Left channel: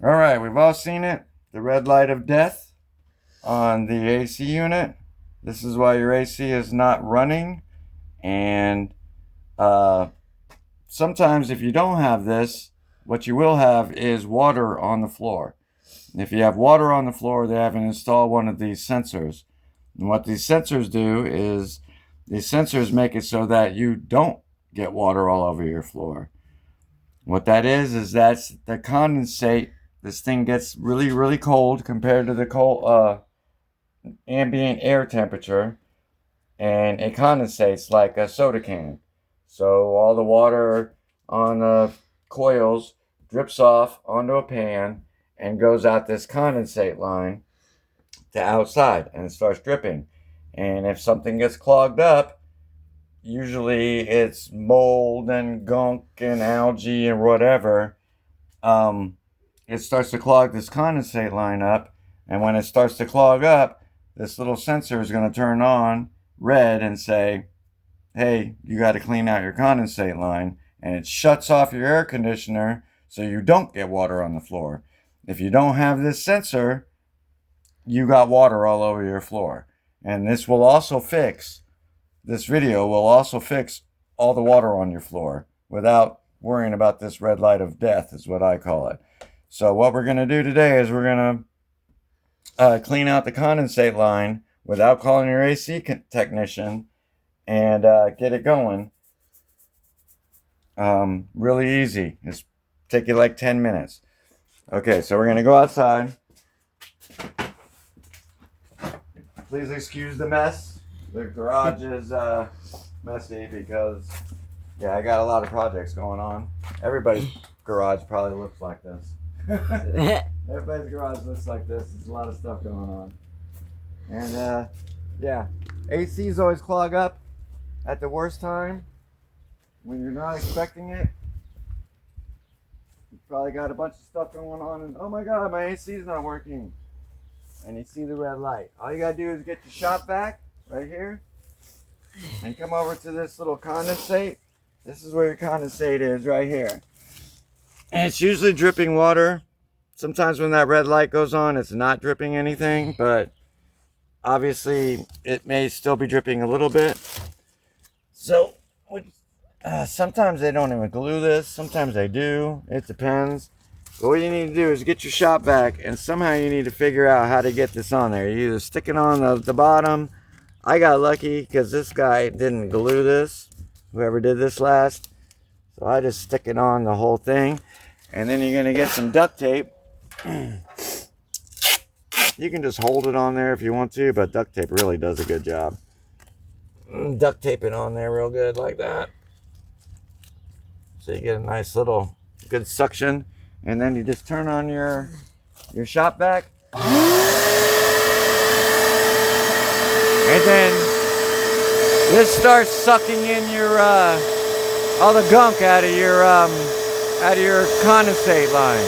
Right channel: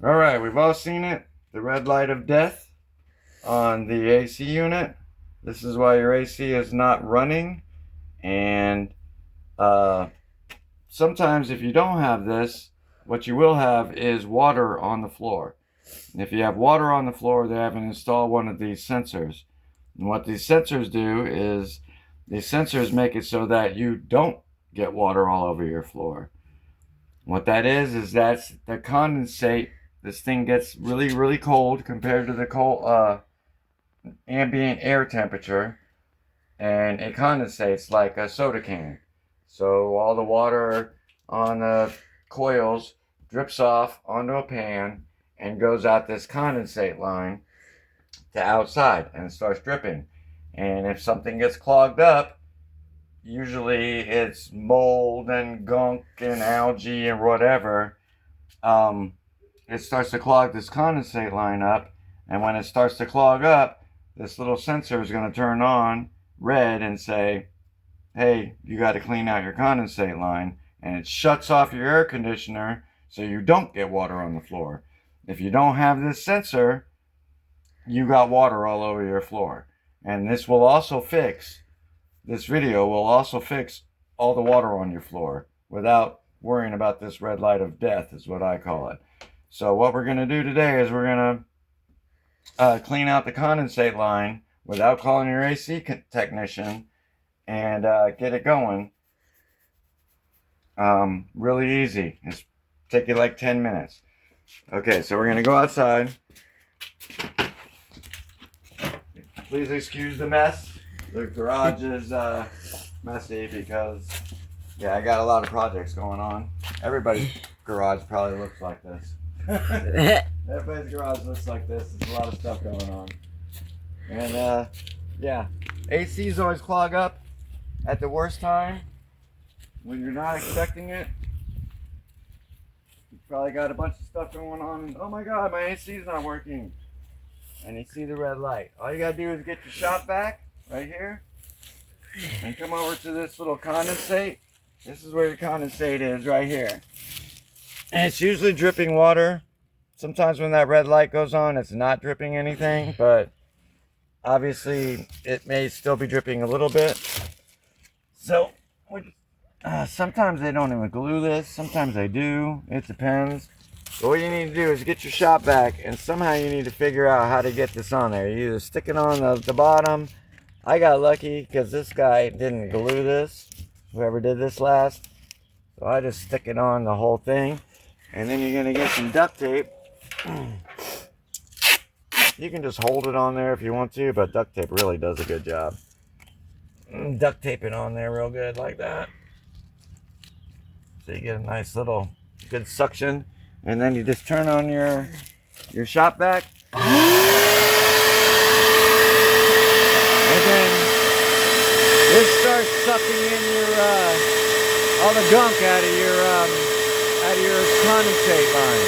All right, we've all seen it. The red light of death on the AC unit. This is why your AC is not running. And sometimes if you don't have this, what you will have is water on the floor. And if you have water on the floor, they haven't installed one of these sensors. And what these sensors do is these sensors make it so that you don't get water all over your floor. What that is that's the condensate. This thing gets really, really cold compared to the cold ambient air temperature, and it condensates like a soda can. So all the water on the coils drips off onto a pan and goes out this condensate line to outside, and it starts dripping. And if something gets clogged up, usually it's mold and gunk and algae and whatever. It starts to clog this condensate line up, and when it starts to clog up, this little sensor is going to turn on red and say, hey, you got to clean out your condensate line, and it shuts off your air conditioner so you don't get water on the floor. If you don't have this sensor, you got water all over your floor. And this video will also fix all the water on your floor without worrying about this red light of death, is what I call it. So what we're going to do today is we're going to clean out the condensate line without calling your AC technician and get it going. Really easy. Just take you like 10 minutes. Okay, so we're going to go outside. Please excuse the mess. The garage is messy because, yeah, I got a lot of projects going on. Everybody's garage probably looks like this. Everybody's garage looks like this. There's a lot of stuff going on. And, yeah, ACs always clog up at the worst time when you're not expecting it. You probably got a bunch of stuff going on, and oh my god, my AC's not working. And you see the red light. All you gotta do is get your shop vac right here and come over to this little condensate. This is where your condensate is, right here. And it's usually dripping water. Sometimes when that red light goes on, it's not dripping anything, but obviously it may still be dripping a little bit. So sometimes they don't even glue this. Sometimes they do. It depends. But what you need to do is get your shop vac, and somehow you need to figure out how to get this on there. You either stick it on the bottom. I got lucky because this guy didn't glue this, whoever did this last. So I just stick it on the whole thing. And then you're going to get some duct tape. You can just hold it on there if you want to, but duct tape really does a good job. Duct tape it on there real good like that. So you get a nice little good suction. And then you just turn on your shop vac. And then this starts sucking in your all the gunk out of your condensate line.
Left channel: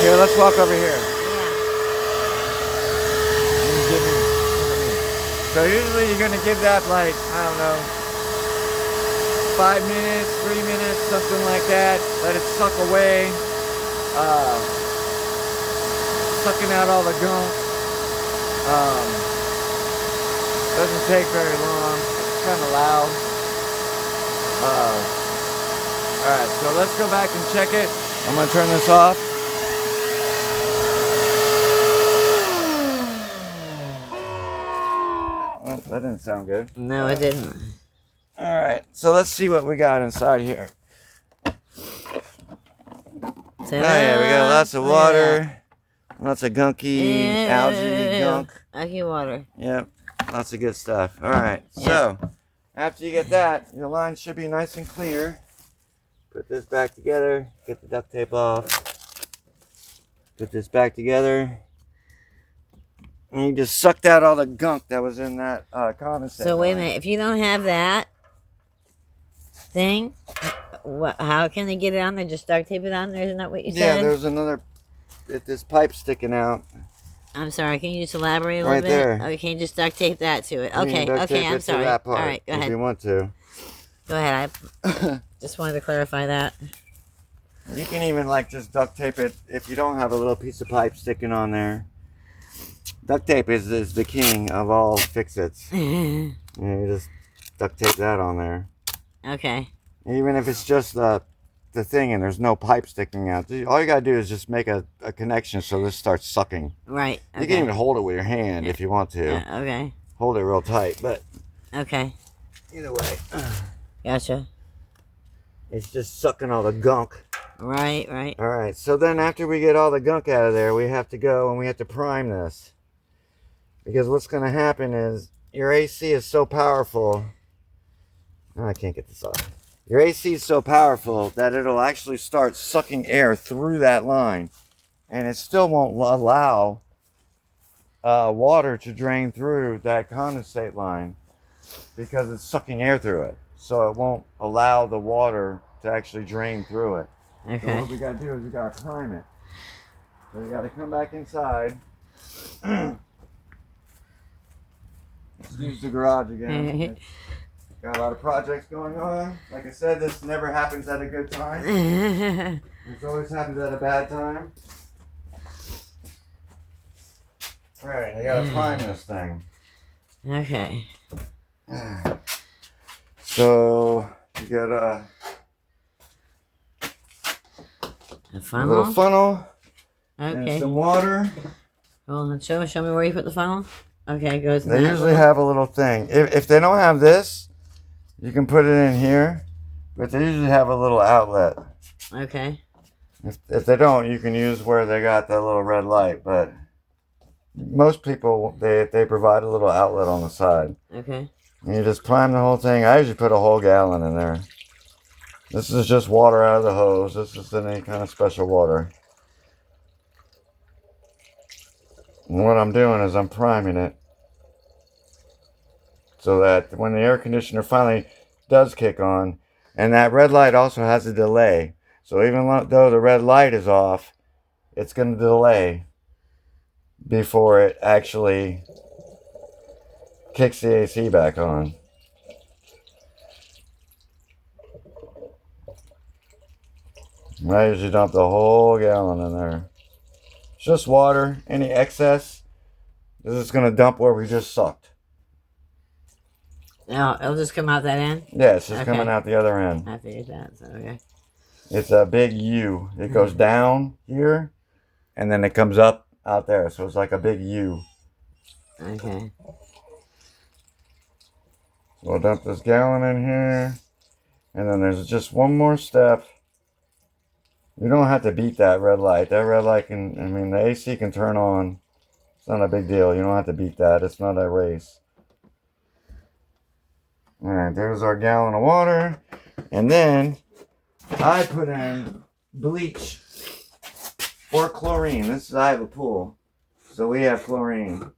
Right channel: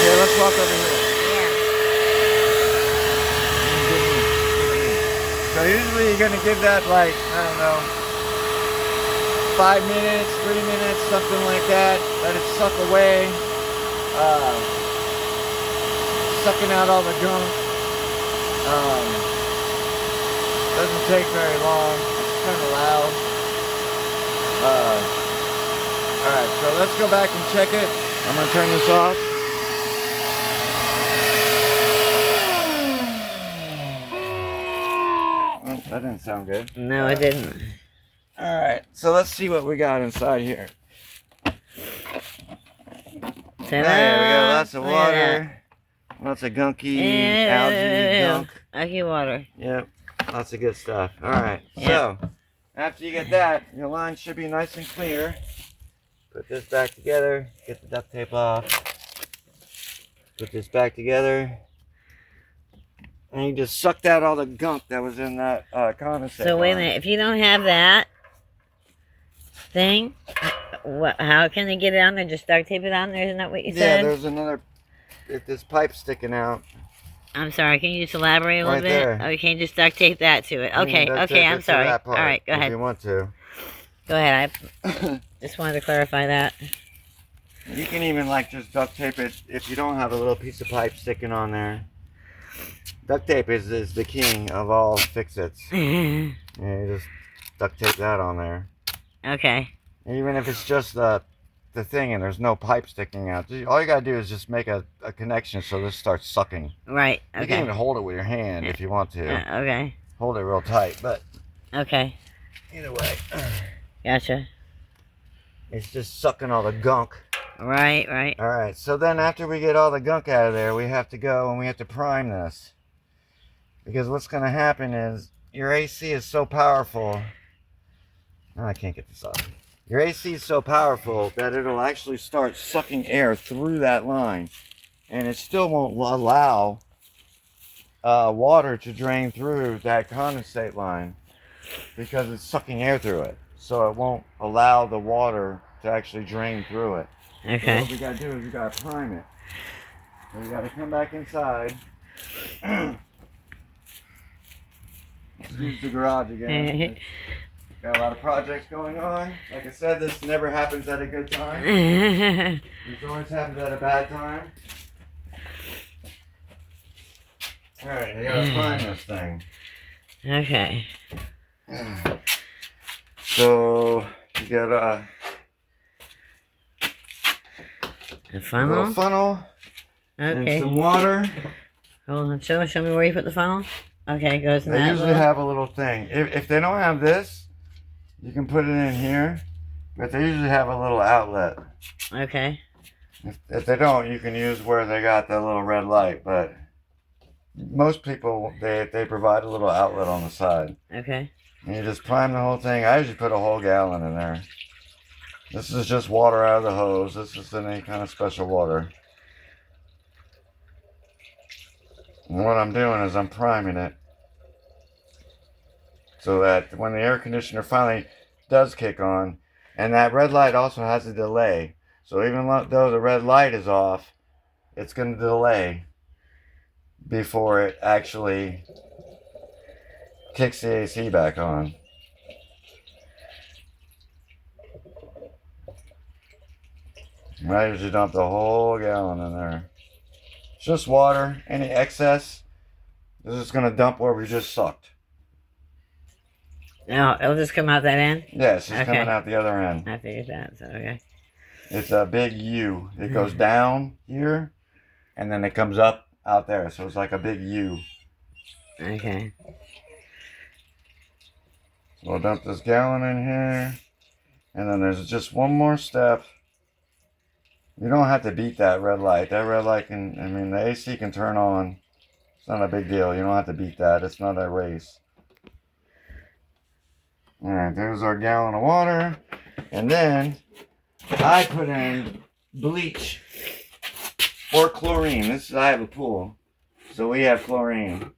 Here, let's walk over here. Yeah. So usually you're gonna give that like, I don't know, 5 minutes, 3 minutes, something like that. Let it suck away. Sucking out all the gunk. Doesn't take very long. It's kind of loud. Alright, so let's go back and check it. I'm going to turn this off. That didn't sound good. No, it didn't. Alright, so let's see what we got inside here. Ta-da! Hey, we got lots of water. Lots of gunky, algae, gunk. Algae water. Yep, lots of good stuff. Alright, so after you get that, your line should be nice and clear. Put this back together, get the duct tape off. Put this back together. And you just sucked out all the gunk that was in that condensate. So wait a minute, if you don't have that thing, how can they get it on there? Just duct tape it on there? Isn't that what you said? Yeah, there's another, this pipe sticking out. I'm sorry, can you just elaborate a little Right bit? there. Okay, just duct tape that to it. Okay, I'm sorry. All right, go ahead. If you want to. Go ahead, I just wanted to clarify that. You can even like just duct tape it if you don't have a little piece of pipe sticking on there. Duct tape is the king of all fix-its. Yeah, you just duct tape that on there. Okay. Even if it's just the thing and there's no pipe sticking out, all you gotta do is just make a connection so this starts sucking. Right. Okay. You can even hold it with your hand if you want to. Okay. Hold it real tight, but okay. Either way. Gotcha. It's just sucking all the gunk. Right. All right, so then after we get all the gunk out of there, we have to go and we have to prime this. Because what's going to happen is your AC is so powerful. Oh, I can't get this off. Your AC is so powerful that it'll actually start sucking air through that line. And it still won't allow water to drain through that condensate line because it's sucking air through it. So it won't allow the water to actually drain through it. Okay. So what we got to do is we got to prime it. So we got to come back inside. Let's use the garage again. Got a lot of projects going on. Like I said, this never happens at a good time. This always happens at a bad time. Alright, I gotta find this thing. Okay. So, you got a a funnel. little funnel. Okay. And some water. Hold on. Show me where you put the funnel. Okay, it goes in They that usually little... have a little thing. If they don't have this, you can put it in here. But they usually have a little outlet. Okay. If they don't, you can use where they got that little red light. But most people, they provide a little outlet on the side. Okay. And you just prime the whole thing. I usually put a whole gallon in there. This is just water out of the hose. This isn't any kind of special water. And what I'm doing is I'm priming it so that when the air conditioner finally does kick on, and that red light also has a delay. So even though the red light is off, it's going to delay before it actually kicks the AC back on. And I usually dump the whole gallon in there. It's just water. Any excess is just going to dump where we just sucked. No, it'll just come out that end? Yeah, it's just coming out the other end. I figured that, so okay. It's a big U. It goes down here, and then it comes up out there. So it's like a big U. Okay. So I'll dump this gallon in here. And then there's just one more step. You don't have to beat that red light. That red light can, I mean, the AC can turn on. It's not a big deal. You don't have to beat that. It's not a race. Alright, there's our gallon of water. And then I put in bleach or chlorine. I have a pool, so we have chlorine.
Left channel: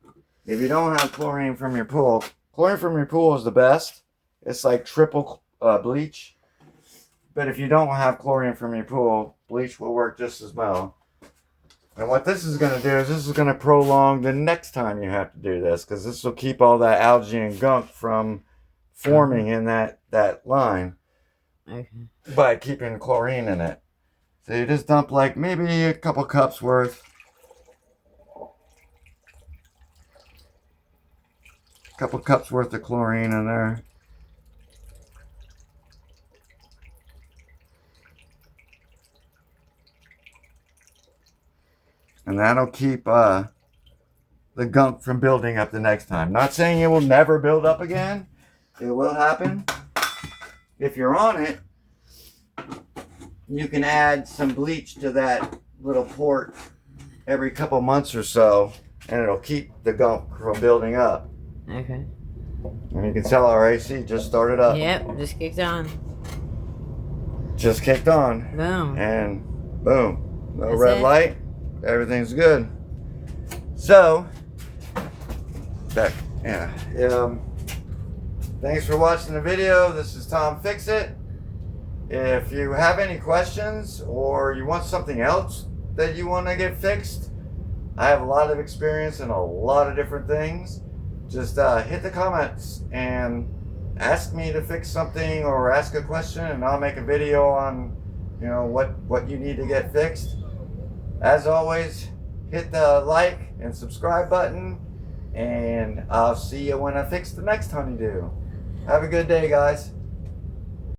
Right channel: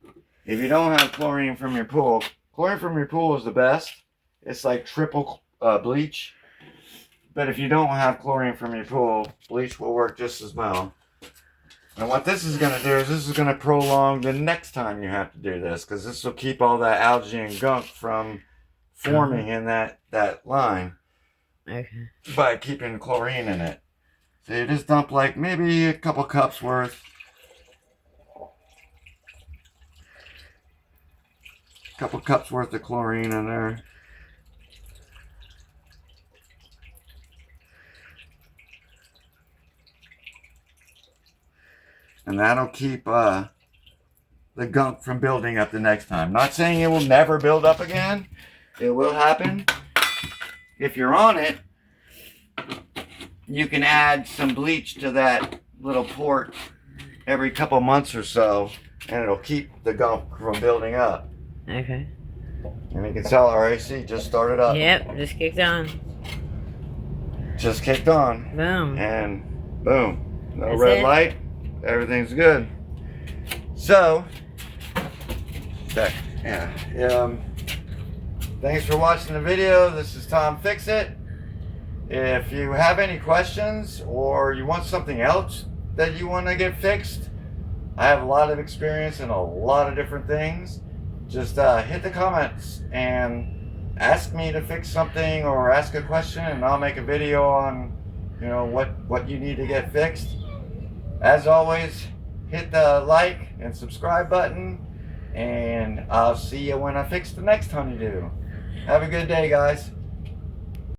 If you don't have chlorine from your pool, chlorine from your pool is the best. It's like triple bleach. But if you don't have chlorine from your pool, bleach will work just as well. And what this is going to do is this is going to prolong the next time you have to do this, because this will keep all that algae and gunk from forming in that line. Okay. By keeping chlorine in it. So you just dump like maybe a couple cups worth. Couple cups worth of chlorine in there. And that'll keep the gunk from building up the next time. Not saying it will never build up again. It will happen. If you're on it, you can add some bleach to that little port every couple months or so, and it'll keep the gunk from building up. Okay. And you can tell our AC just started up. Yep, just kicked on. Just kicked on. Boom. And boom. No That's red it? light. Everything's good. So, thanks for watching the video. This is Tom Fix It. If you have any questions or you want something else that you want to get fixed, I have a lot of experience in a lot of different things. Just hit the comments and ask me to fix something or ask a question, and I'll make a video on you know, what you need to get fixed. As always, hit the like and subscribe button, and I'll see you when I fix the next honeydew. Have a good day, guys.